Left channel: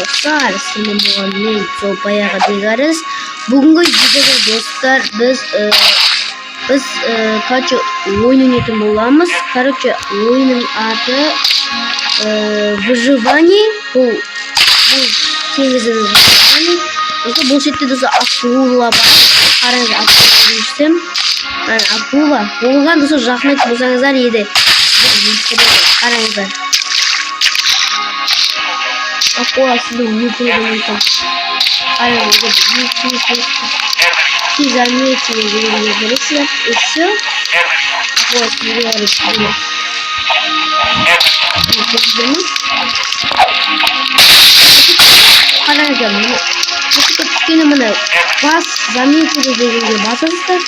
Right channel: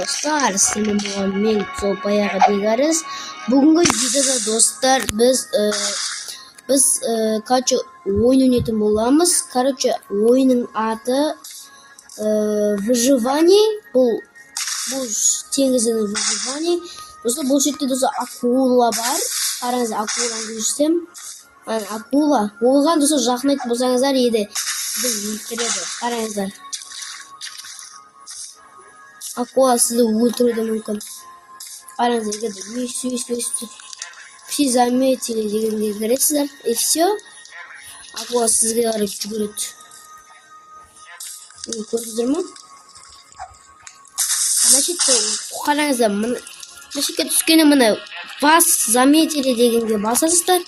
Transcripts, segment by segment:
dostlar, sizin muhammed Zopayaga degariz. Bugungi videoda dostlar biz kaç oyun oynayotgan bo'lamiz. Короче, oyunun adı выживание. Bu televizyon выживание. Dostlar bu şekilde dostlar akula var. Qarang, akula düştüm. Yani akula. Bo'lgan dostlar rahmet bo'lsangizlar edi. Qaranglar. Akula sizga multimedia. Qaranglar. Siz заметили, и все. Акула sizga решит. Qaranglar. Tushkeni mana bas заметили deganga bosasizlar.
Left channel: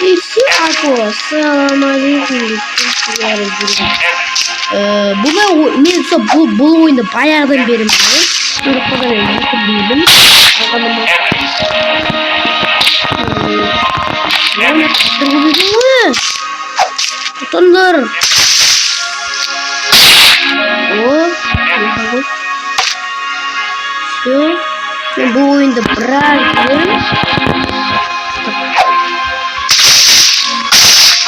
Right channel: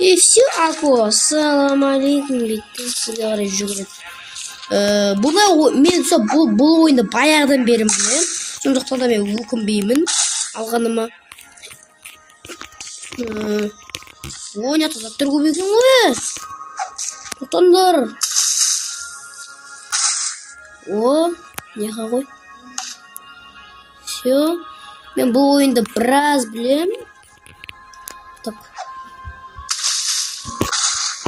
И все, akula. Assalomu alaykum. Men bu oyunda bayağıdan beri mana şöyle kadar mümkün değilim. Arkadaşlar. Oyna durgulayın. Tutundur. Все. Ben bu oyunda biraz bilirim.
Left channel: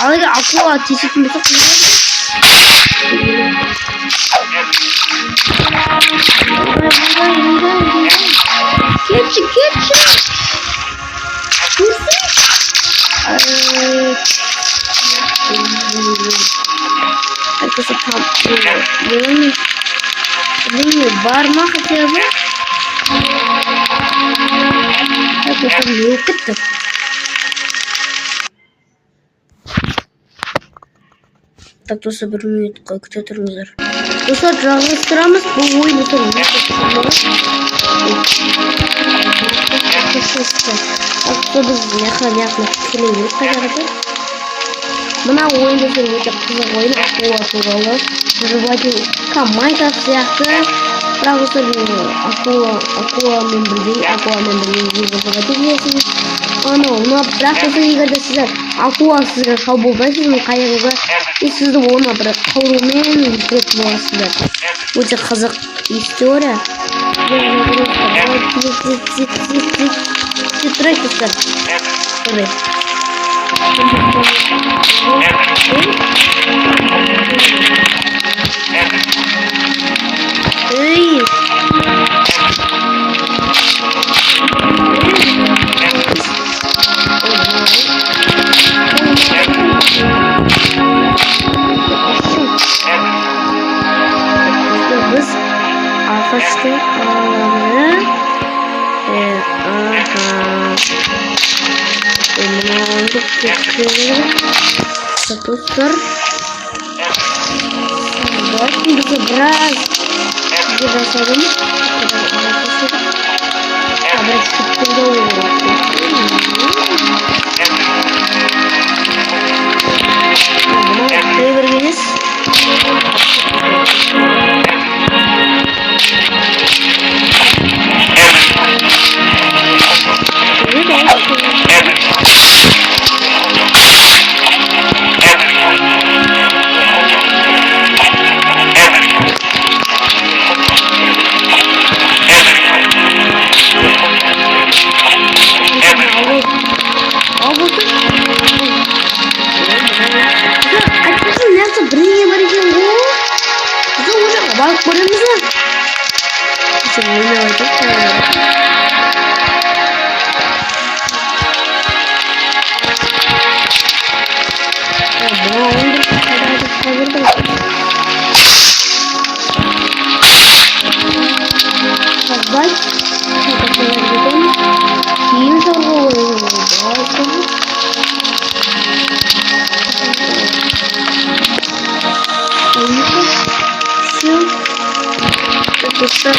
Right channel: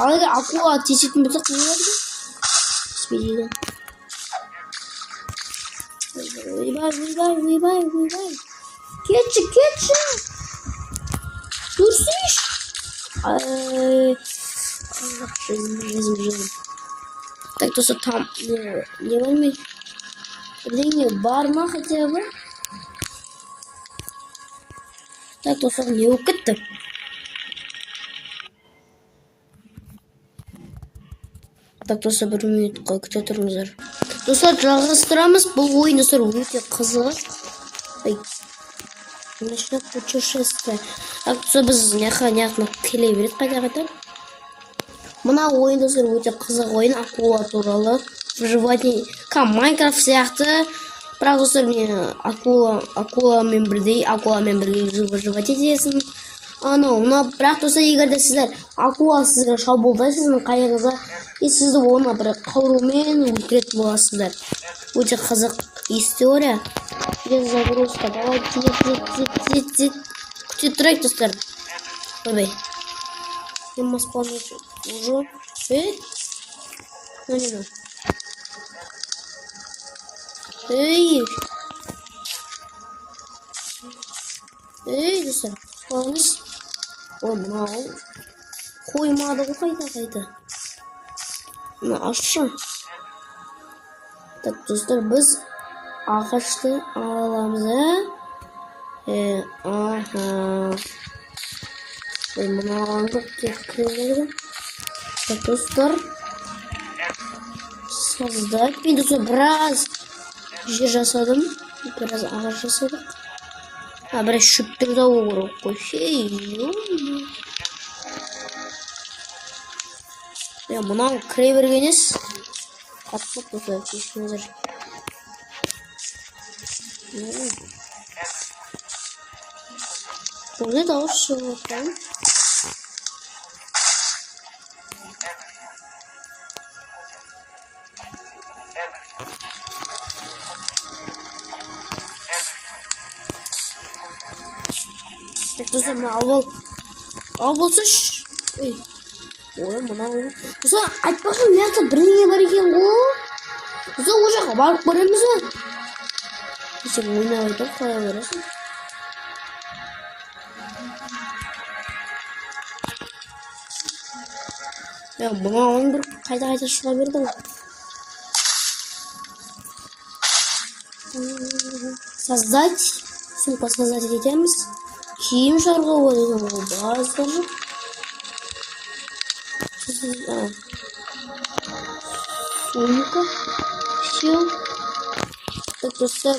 Ayrıca aqua ateşi mi çok Keçi. Arkadaşlar tam var mı acaba? Arkadaşlar yok etti. Так, достlar bir minutqa kuchaturingizlar. Dostlar жалғастырамыз бұл ойын достlar. Biz yaqin kelemiz qayerda. Mana o'yin dostlar o'ta qiziq o'yin, aqua turali. Выживание Майнкрафт сияқты. Бірақ достlar aquaмен birga выживать етесің. Бірақ достар егер де сіздер aqua сізге шабуылдайсыз, қайығыңызға сізді оны бір қаурумен кетіп боласыздар. Өте қызық история. Тұрайық достар. Dostlar bize biraz asalım. Ama şıkkıda olur. Verginiz. Bak buramıza. Şimdi ne olacak? Создать. Dostlar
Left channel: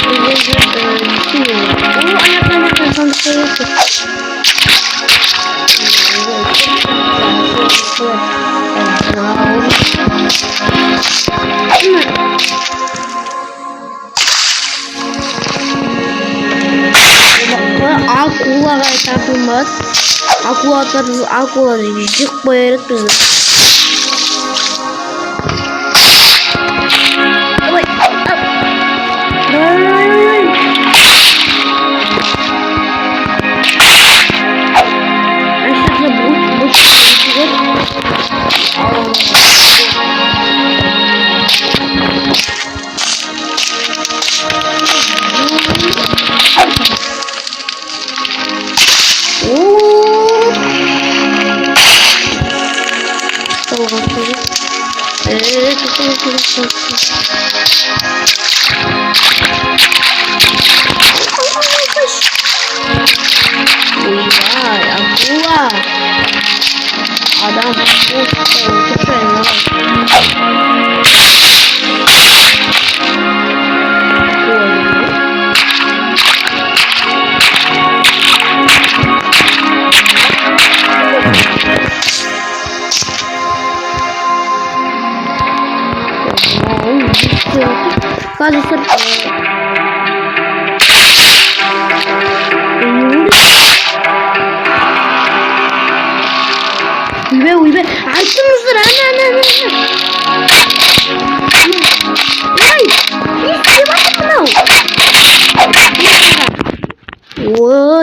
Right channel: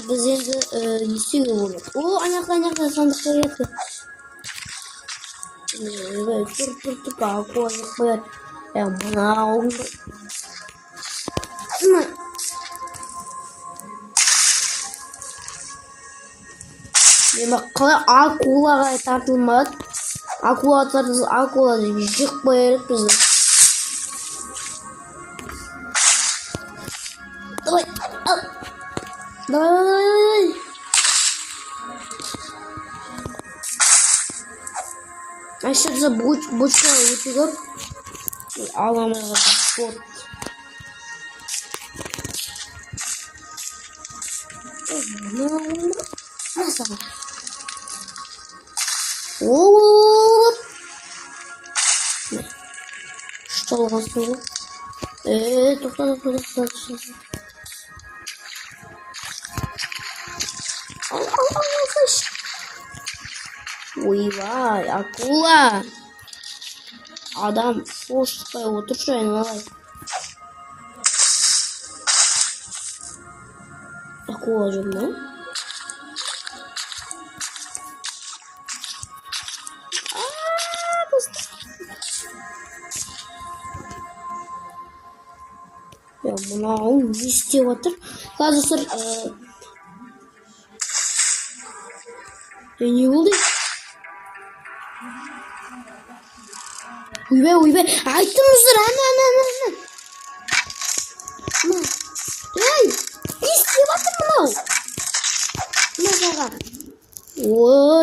ayaklarına sandıkları yapıyor. Aqua'ga tartılmaz. Aqua'da yık koyarak bizi.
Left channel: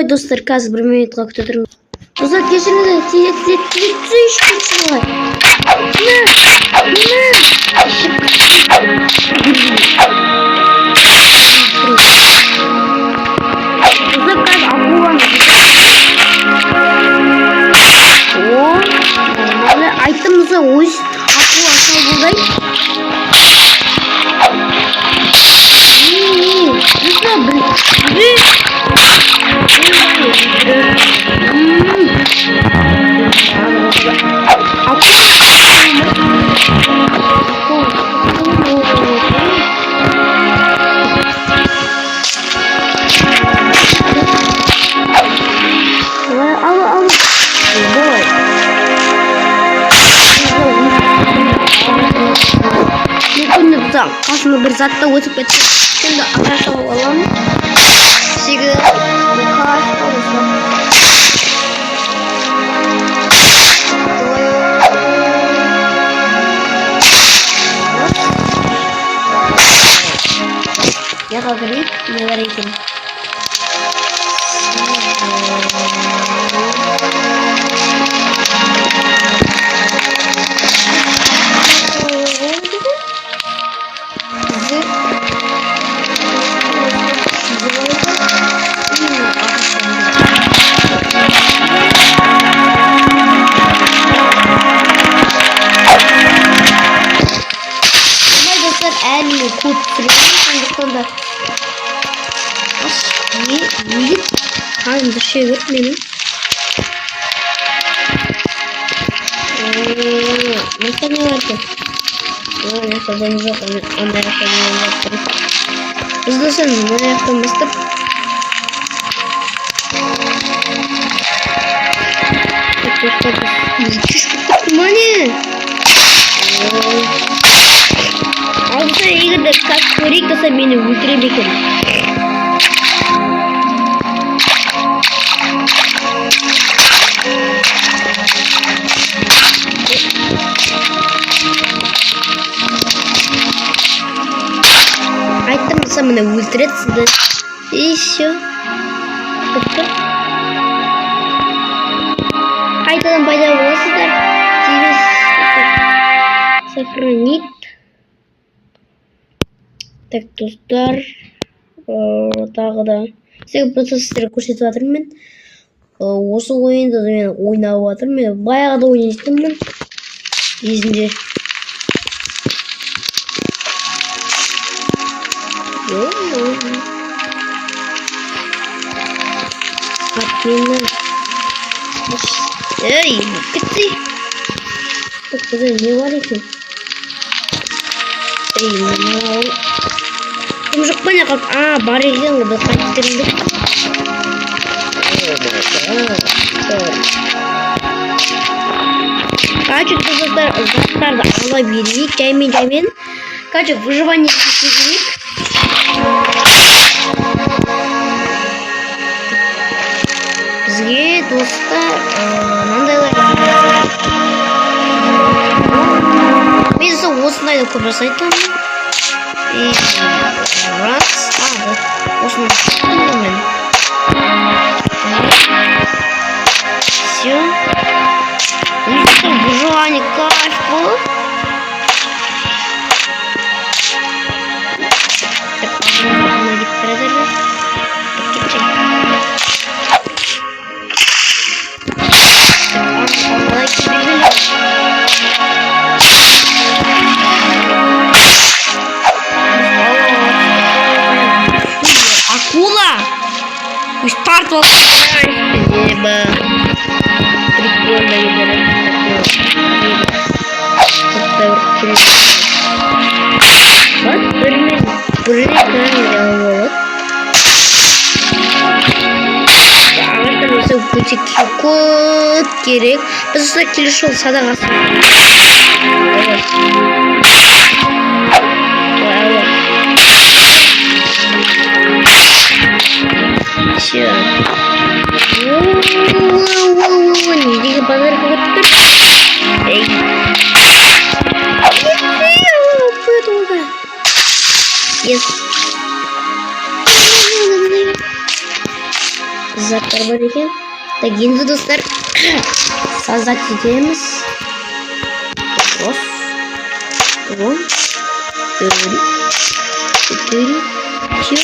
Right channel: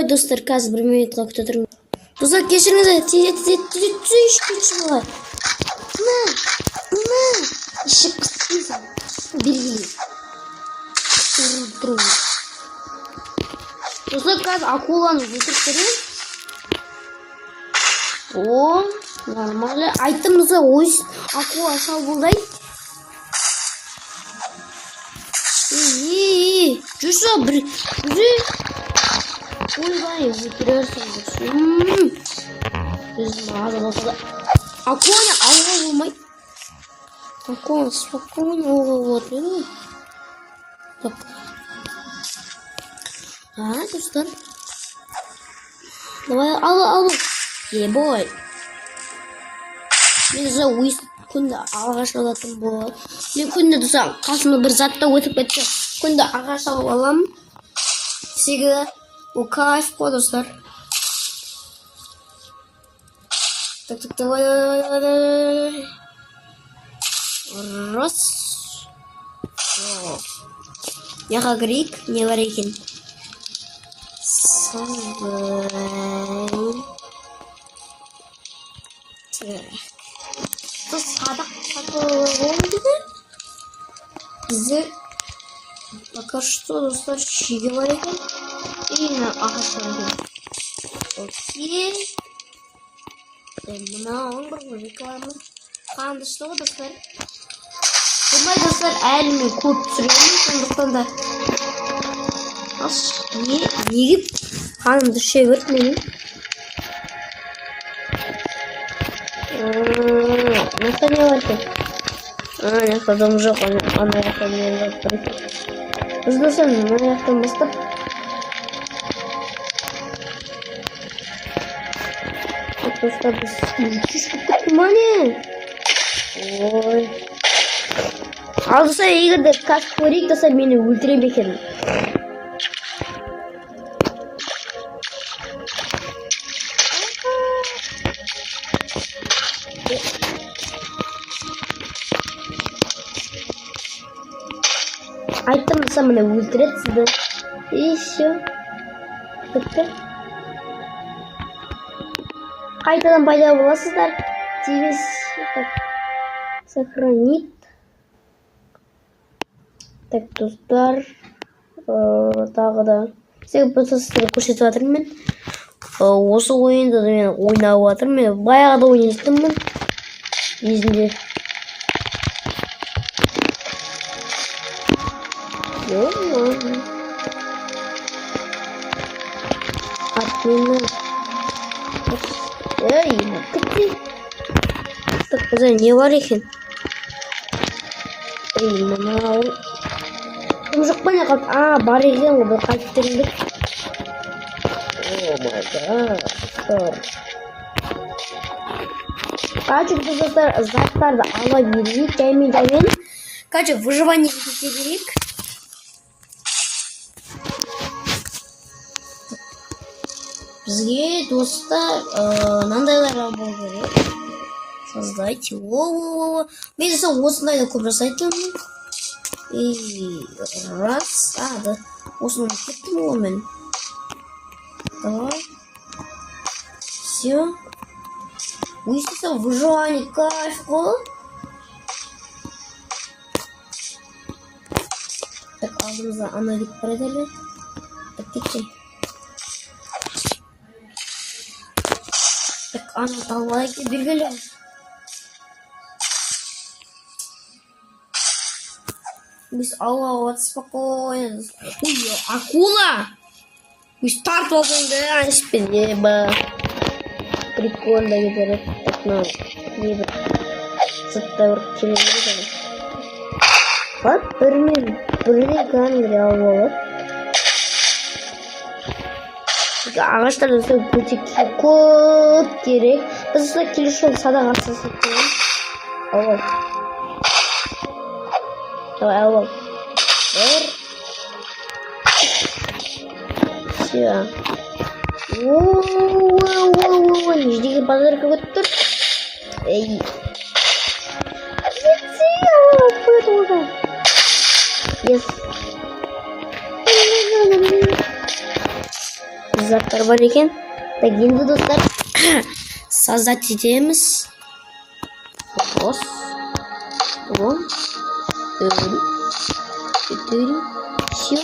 достар, қазір 1 минутқа күтіп тұрмын. Достар, кешіріңіздер, айттым достар, өз акула ашау болдай. Қасымда бір затта өтіп кетті. Şimdi arkadaşlar alalım. Sigara kalaş olmuşlar. Yağa girip neler ekin. Kanka bir şey yok benim. Ne var ki? Ne kadar uzak Amerika'nın yaptım. Hızlı sen ne yaptığımızda. Müthiş bir kutumane. Abi sen iyi kadar kaç kurik da sen beni öldürebilirsin. Меня ультрит сюда. И все. Қайтадан пайда боласыздар. Через сохранить. Так, достар. Тағы да. Сізге процессорды көрсетіп жатырмын мен. Осы ойында мен ойнап жатырмын. Мен баяғыда ойнайтынмын. Есімде. Atmina. Ey, gitti. Так, не варихи. Ey, mau. Muzuk banyak kan? Bariknya udah kacau. Качек заттарды ала берейік, жаймен. Качек выживание кетейік. Бізге достар мынандайлар мен осындайды көп жасайтын. Раз, осыны мен. Все. Если выживание кайф был. Так, она не продали. Акула! Старт вас спасибо. Прикольно. Ағаштар бізде өте көп керек. Біз ұста келеші садаға. Все. Недегі базарға өттір. Yes. заттар бар екен. Так, енді достар создать етеміз. Раз, два, три, четыре, все.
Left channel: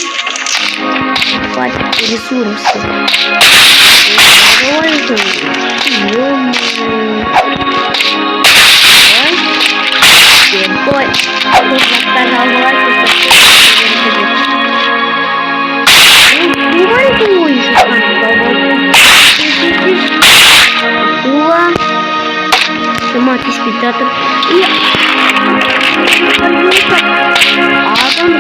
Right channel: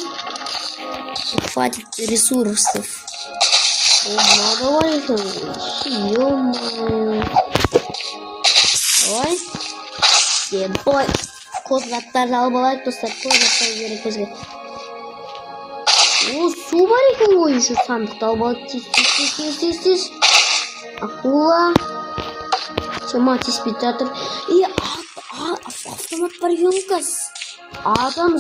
Хватит ресурсов. Ой, спектатор и адам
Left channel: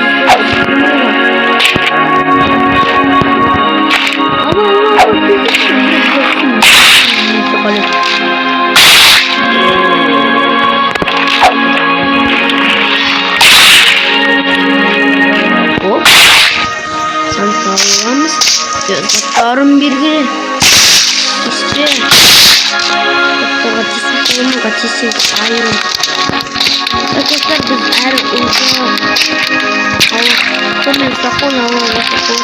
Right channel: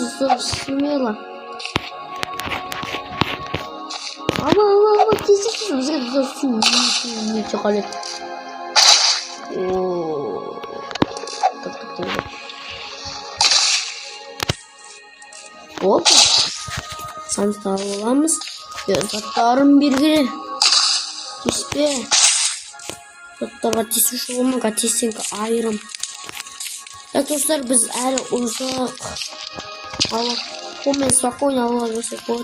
заттарым белгілі işte Қатесек айырым. Arkadaşlar biz her uzak Allah'tan sakın Allah'a sakın.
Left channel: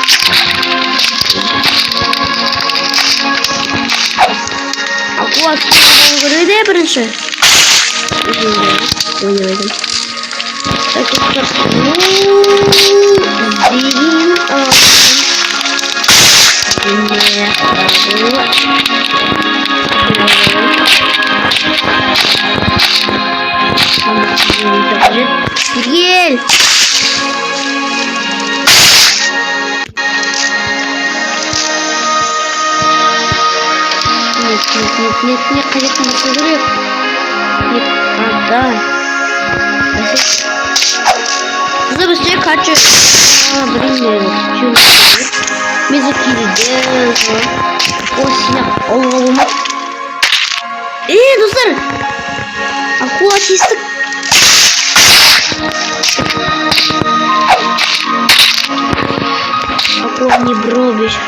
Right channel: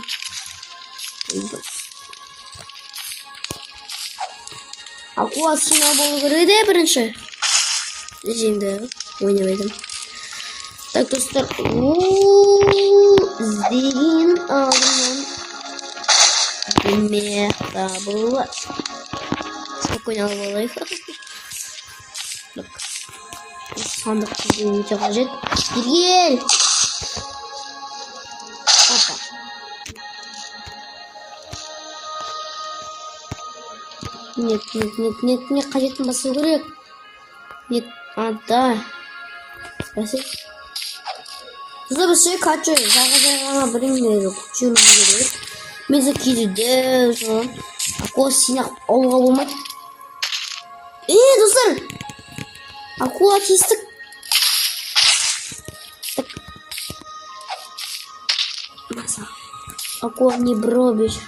Aqua silahdan görüyor da birinci. Oynadım. Arkadaşlar zilin Gel. Нет, конечно, не соберет. Нет, отдай. Забыси хочу. Блин, хочу. Мизуки делать. О, синяк. О, достар. Акула чистик. Не бробишь.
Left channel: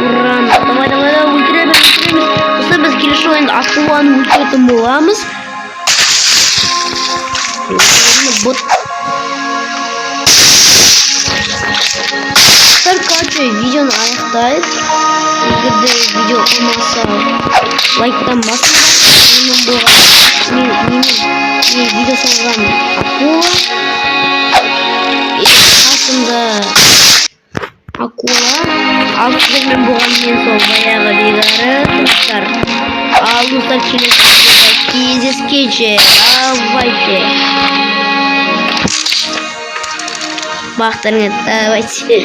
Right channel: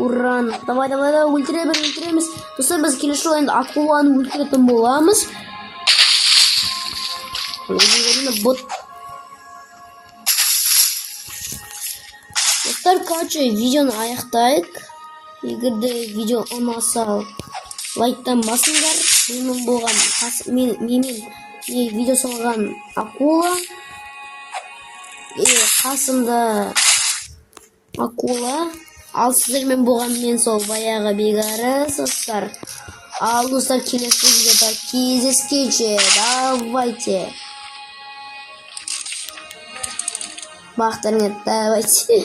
Ура! Давай, ультреміз. Осы біз келеші ойында акуланы ультетін боламыз. Короче, видеоны аяқтайық. Егерде видео olmasa лайктанбасын. Мен видео салған акула. Қасымда акула. Ал сіздермен болған мен сол баяғы бегарысыздар. Ал достар келесі кездескенше. Давайте. Бақтырыңыз, давайте.